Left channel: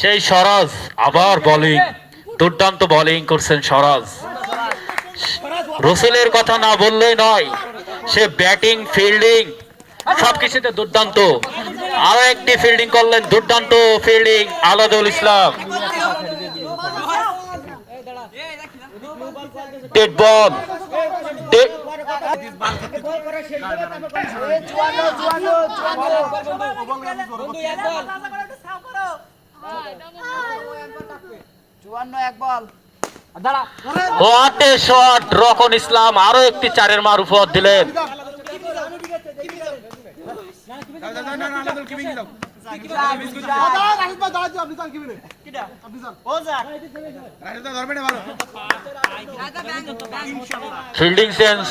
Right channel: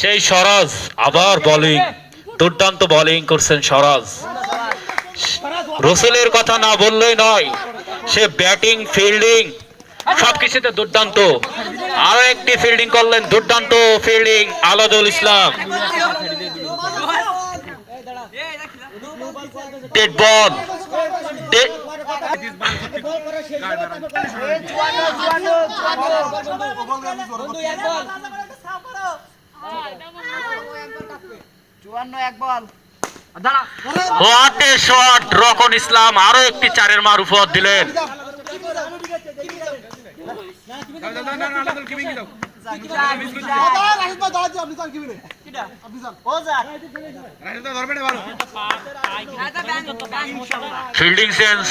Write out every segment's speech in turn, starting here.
সেই সরাজ আবার বোলিং দুর্দান্ত বোলিং করছেন সরাজ রসুলের কথা না বললেই নয়, সে ব্যাটিং ফিল্ডিং সবকিছুতে দুর্দান্ত। আরও একটি ফিল্ডিং করলেন, দুর্দান্ত ফিল্ডিং আলাদুল ইসলাম। ডেড বল ইসলাম আরও একটি চারের মার উপহার দিলেন। Fielding sense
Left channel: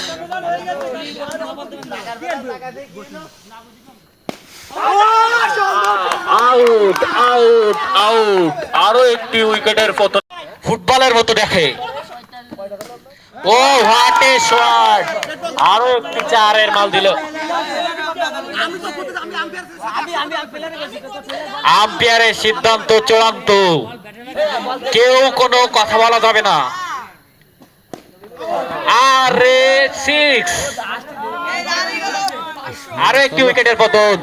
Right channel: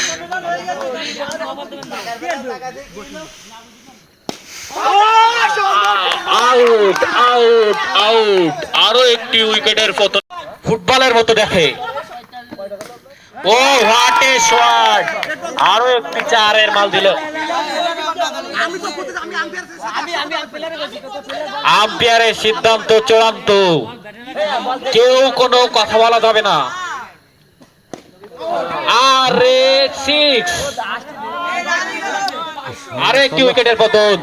out out out আরও একটি উইকেটের পতন। ফুটবলের মতো দেখে। ও এ শট আরও একটি চারের মাল দিল। আম্পায়ারের সিদ্ধান্ত চূড়ান্ত। কেউ কোনো কথা বলা যাবে না। আরে সিক্স আরে একটি উইকেটের পতন?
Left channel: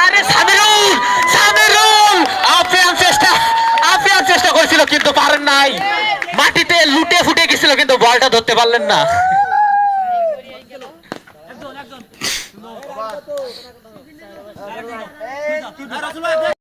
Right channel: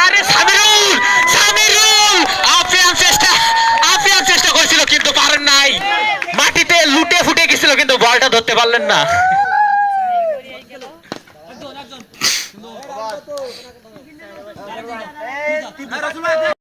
আরে সামিরুল সামিরুল! আফিয়ান চেষ্টা আফিয়ান চেষ্টা করেছিল, কিন্তু পারেন নাই। মাটিতে লুটে ফুটে গেছিল কিন্তু বলটা ধরতে পারলেন না।